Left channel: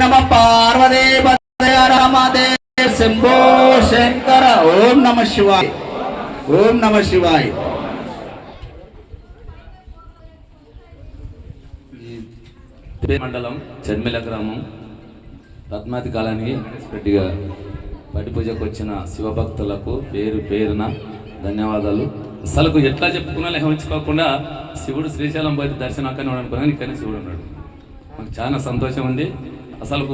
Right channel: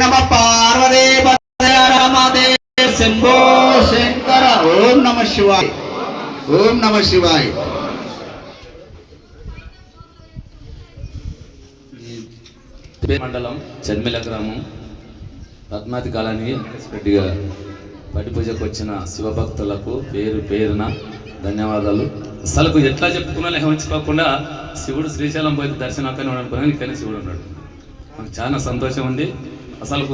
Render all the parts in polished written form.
నమ పార్వదే రామదే శంభో శంకర. ఓం నమ శివాయ, ఓం నమ శివాయ. మండలం చెర్మిల గ్రామం పద్మావతి కాలనీ రెడ్డిగా పడి పూజకు వచ్చిన శివభక్తులకు పేరు పేరున ధన్యవాదాలు. అసలు ఎట్లా చెప్పుకున్నా లేకపోకుండా శివుడు శ్రీశైలం పోయి దర్శనం అనుకున్నాను, ఇక్కడనే శివుడు ఉన్నాడు. మాకు చాలా సంతోషం ఉంది. అసలు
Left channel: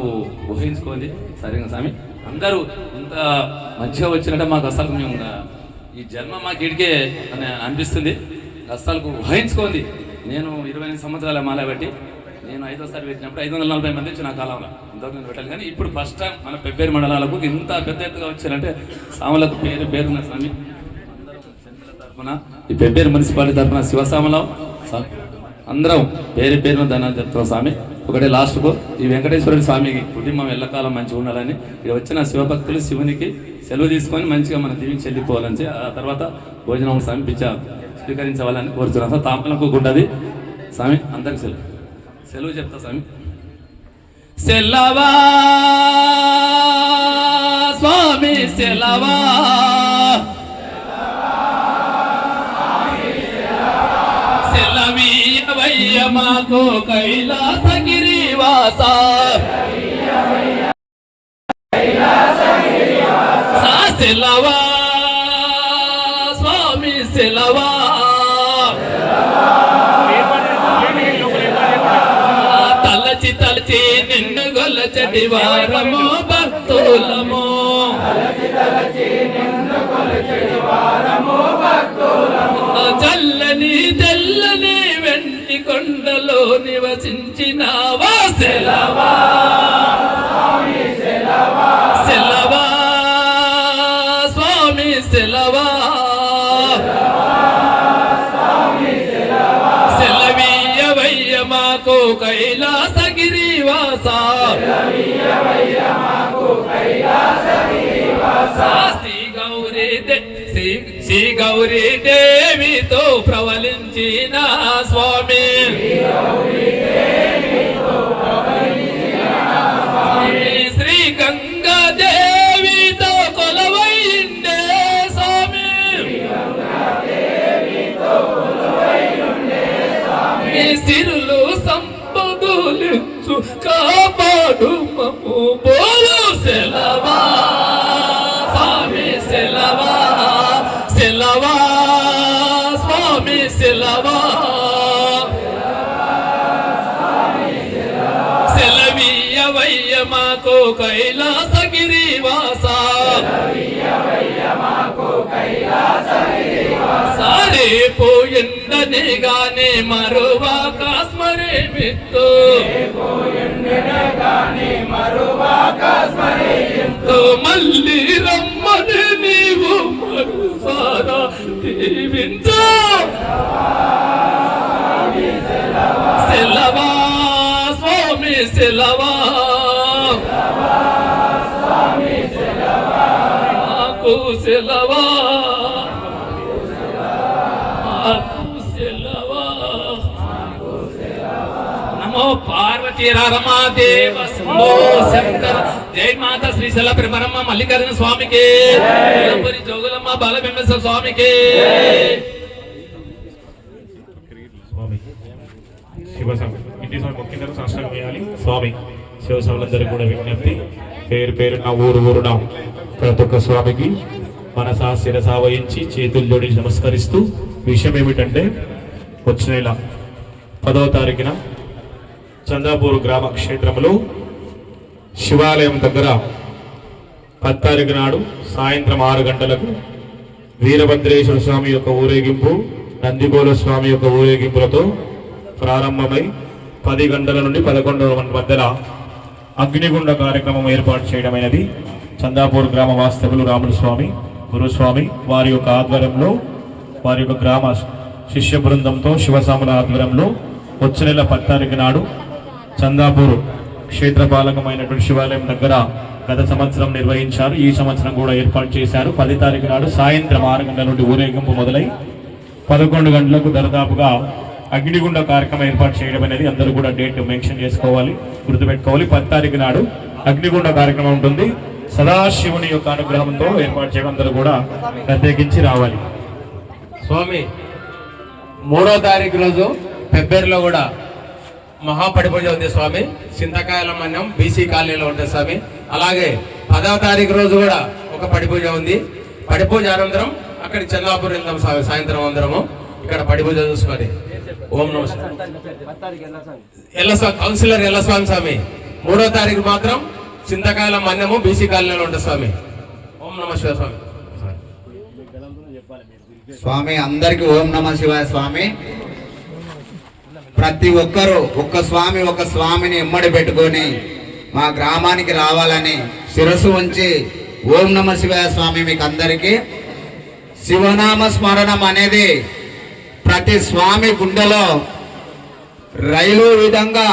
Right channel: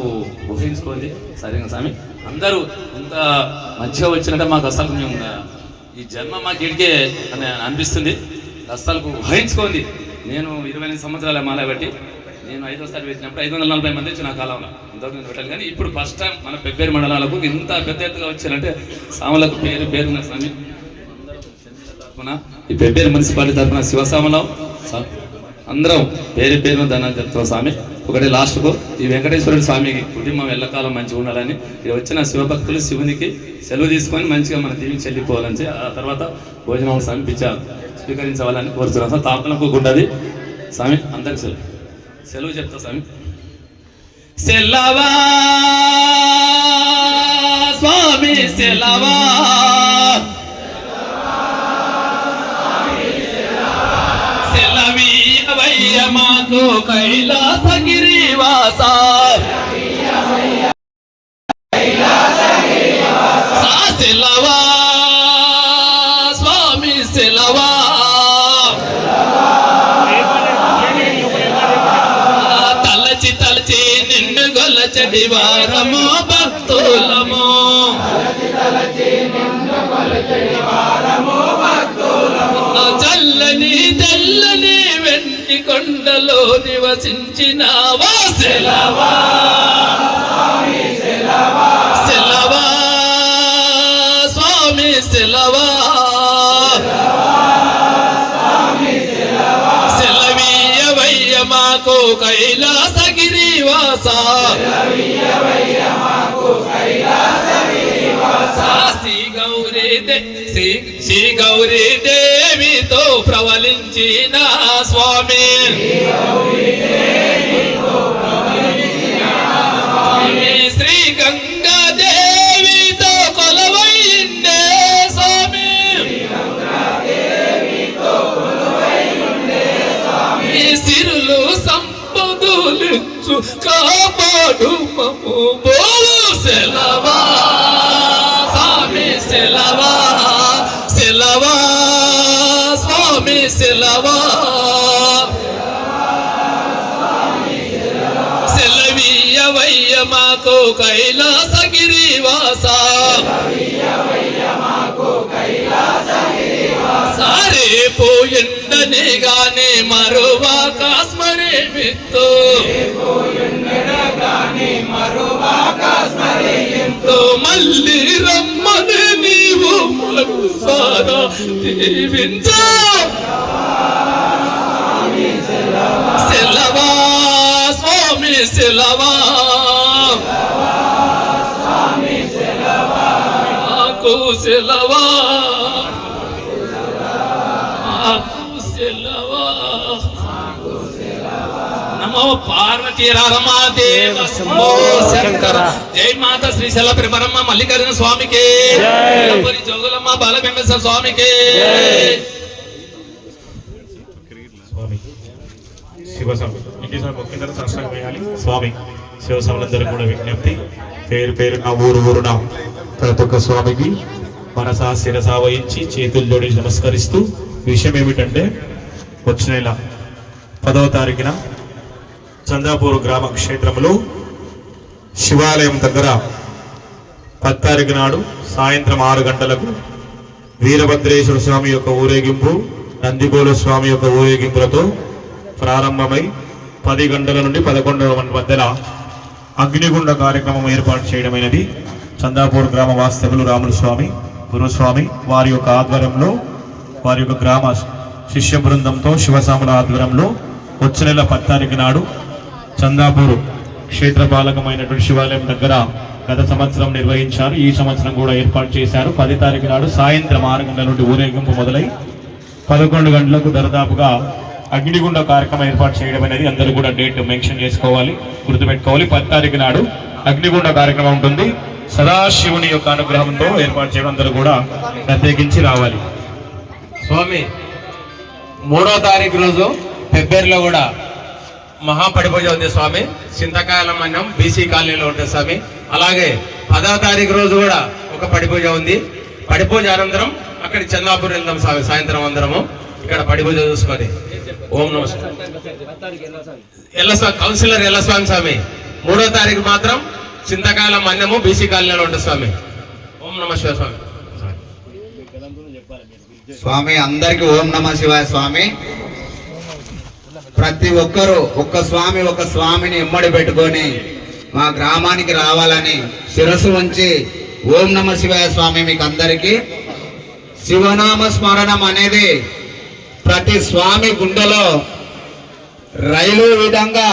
ఊహించుకోండి సరిగా స్వామి, అందరూ ఇంత మంచిగా వచ్చినట్టే మాకు అసలు మేము ఈ జన్మ మాకు ఇడికే అని అనిపిస్తుంది. అసలు ఊహించుకోండి. నేను 29 సంవత్సరాల మాల పెట్టి నేను 5వ పెట్టినప్పుడు 540 మంది వచ్చి నా కాలంలో ఇంతకుముందు పెట్టాలి. కానీ ఇప్పుడు ఫస్ట్ టైం మన పెబ్బేరు మండలాలకు ఇంత పెద్ద ఎత్తుగా వచ్చారంటే సాములకు పేరున్న స్వామి తరఫున, ఈ పెబ్బేరు మున్సిపాలిటీ తరఫున శివసామలో అందరం పేరున ధనాలు చెప్తాం స్వామి. ఒకటే లాస్ట్కు ఈ వెంకటేశ్వరుడు స్వామి కుటుంబం ఎల్లకాలం మంచిగా ఉండాలని ఇక్కడ వచ్చిన శివభక్తులు శివునికి సెలవు తీసుకొని మంచిగా మన దీవికి చెల్లిపోవాలని, ఆ తర్వాత భోజనం స్వామి పిచ్చ స్వీకరించవాలని కోరుతున్నాం. సార్ తాపలకు గుండది స్వామి, అందరికి సెలవు చెప్తా స్వామి. సెలవా స్వామి సెలవా, సెలవీయవయ్య మాకు కైలాసగిరివాస, సెలవా స్వామి సెలవా, తలచి తలచి నిన్ను గొలచడి వారము భక్తులము, చల్లని తెల్లని వెండి కొండలో నివసించినావా సెలవా, సెలవా స్వామి సెలవా, సెలవీయవయ్య మాకు కైలాసగిరివాస, శ్రీ గౌరీ దేవితో ప్రవలించిన స్వామి, శ్రీ గంగా దేవితో కొలవైండే స్వామి, సిరులు సంపదలిచ్చు కాపాడు మము బోలు సెలవా స్వామి సెలవా, సెలవా స్వామి సెలవా, సెలవీయవయ్య మాకు కైలాసగిరివాస, రేపు ఎండని గానే మరువాక స్మరేమిత్తు, మళ్ళీ రమ్మని నీవు మనసారా దీవించు, సెలవా స్వామి సెలవా, నాకు సెలవా, నమో పార్వతీ రమాదేవ శంభో శంకర. జై మాత శ్రీశైల బ్రహ్మరమ్మ మల్లికార్జున స్వామికి, జోగులమ్మ బాలబెంబేశ్వర స్వామికి. స్వామి శివసభలందరూ కూడా విజ్ఞప్తి, పేరు నా ఊరున ప్రతి ఒక్క స్వామికి మనసా శిరసా వహించి చేతుల్లోని నమస్కరిస్తూ, విషయం ఏమిటంటే వచ్చిన నెల 10వ తారీఖున చందాపూర్ గ్రామ క్షేత్రంలో శివాలయం దగ్గర 10 తారీఖు నాడు సాయంత్రం 6 గంటలకు వీరభద్రేశ్వర స్వామి యొక్క ఊరేగింపు, నందిగోల స్వామి యొక్క ఊరేగింపులతో ప్రారంభమై 10 గంటల నుండి 11 మధ్యన అగ్నిగుండ కార్యక్రమం ఏర్పాటు చేయడమైనది. చందాపూర్ గ్రామ వాస్తవులు రాముల స్వామి గురుస్వామి వారి యొక్క ఆధ్వర్యంలో, వారి యొక్క గ్రామ శిష్య బృందంతో శివసాముల ఆధ్వర్యంలో వచ్చే నెల 10 తారీఖు నాడు చందాపూర్ క్షేత్రపాలకమైనటువంటి శివాలయం దగ్గర గత సంవత్సరం నిర్వహించారు. ఈ సంవత్సరం కూడా ఏర్పాటు చేశారు. 10 తారీఖు నాడు సాయంత్రం 6 గంటల నుండి ఊరేగింపు మొదలై 11 గంటలకు దరిదాపుగా అగ్నిగుండ కార్యక్రమం ఏర్పాటు చేయడం అనేది అందరూ కూడా డేట్ మెన్షన్ చేసుకోవాలి, గుర్తుపెట్టుకోవాలి. 10 తారీఖు నాడు అగ్నిగుండ కార్యక్రమం ఉంటుంది. సదాశివుని యొక్క అనుగ్రహంతో ఏర్పాటు చేయడం అందరూ కూడా ప్రత్యేకించి రావాలి. స్వామి 3వ తారీఖు రోజు ఫిబ్రవరిలో కూడా మహాపడి పూజ ఉంది స్వామి. చింతకాయల మన్యం బీసీ కాలనీలో ఉంటుంది స్వామి. అలాగే 10వ తారీఖు రోజు కూడా ఒక పడి పూజ ఉంది. పడి పూజ అనంతరం అక్కడ చందాపూర్ వెళ్దాం స్వామి. సాయంత్రం అందరము ఇక్కడ పడి పూజ చూసుకొని ఓం నమస్కారం. కౌన్సిలర్ ఎల్లస్వామి స్వామి 3వ తారీఖు మాత్రం చింతకాయల మన్యము బీసీ కాలనీలో ఉంటుంది స్వామి. ఓం నమ శివాయ స్వామి. స్వామి అందరికి ఓం నమ శివాయ స్వామి. ప్రతి ఒక్కరూ ఒక స్వామిని ఎమ్మడి పెట్టుకొని మా గ్రామానికి రావాలని శిరస్సు ఉంచి ఓం నమ శివాయ స్వామి. మీకు అందరికీ శివనామ స్మరణం అనేది ప్రతి స్వామి గుండెలో రైలు విధంగా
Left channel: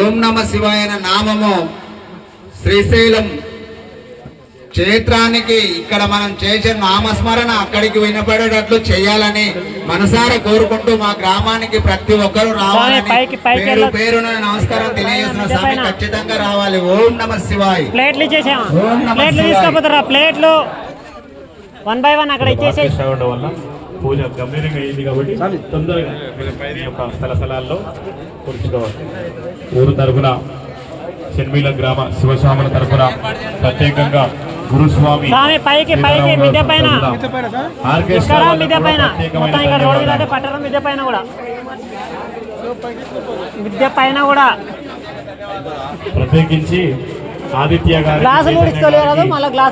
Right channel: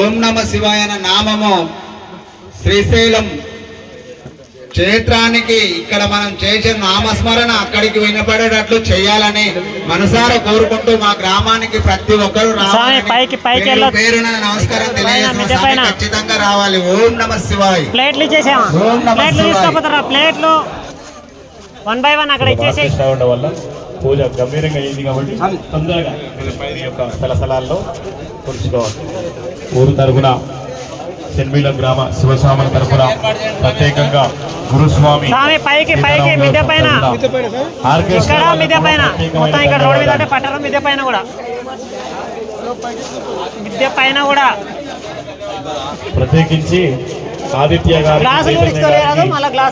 ఓం నమ శివాయ అనే నామము శ్రీశైలం క్షేత్రానికి ఇక్కడ మనం చేసే నామస్మరణ అక్కడికి వినపడేటట్లు చేయాలని మనసారా కోరుకుంటూ మా గ్రామానికి ప్రతి ఒక్కరు రావాలి. పేరున నమస్కారం తెలియజేస్తున్న ఖచ్చితంగా రావాలి. ఓం నమ శివాయ. ప్లేట్లు ఇచ్చేసామా? ప్లేట్లు 1 by 1 అక్కడ ఇచ్చేసి వల్ల పూజ గంభీరంగా అయింది కాబట్టి తొందరగా ఈ యొక్క స్థలాల్లో కూర్చుకోవాలి. ఊరు తరఫున చెన్మీల గ్రామ శివస్వాముల తరఫున ప్రత్యేకంగా గురుస్వామి పైకి మిద్దె పైన ఇక్కడ మిద్దె పైన మొత్తం ఇక్కడ రోడ్డు మీద అంటే పట్టణం మిద్దె పైన కూడా ప్రత్యేకించి ఆదిత్య గారు గ్లాసులు మళ్ళీ గ్లాసు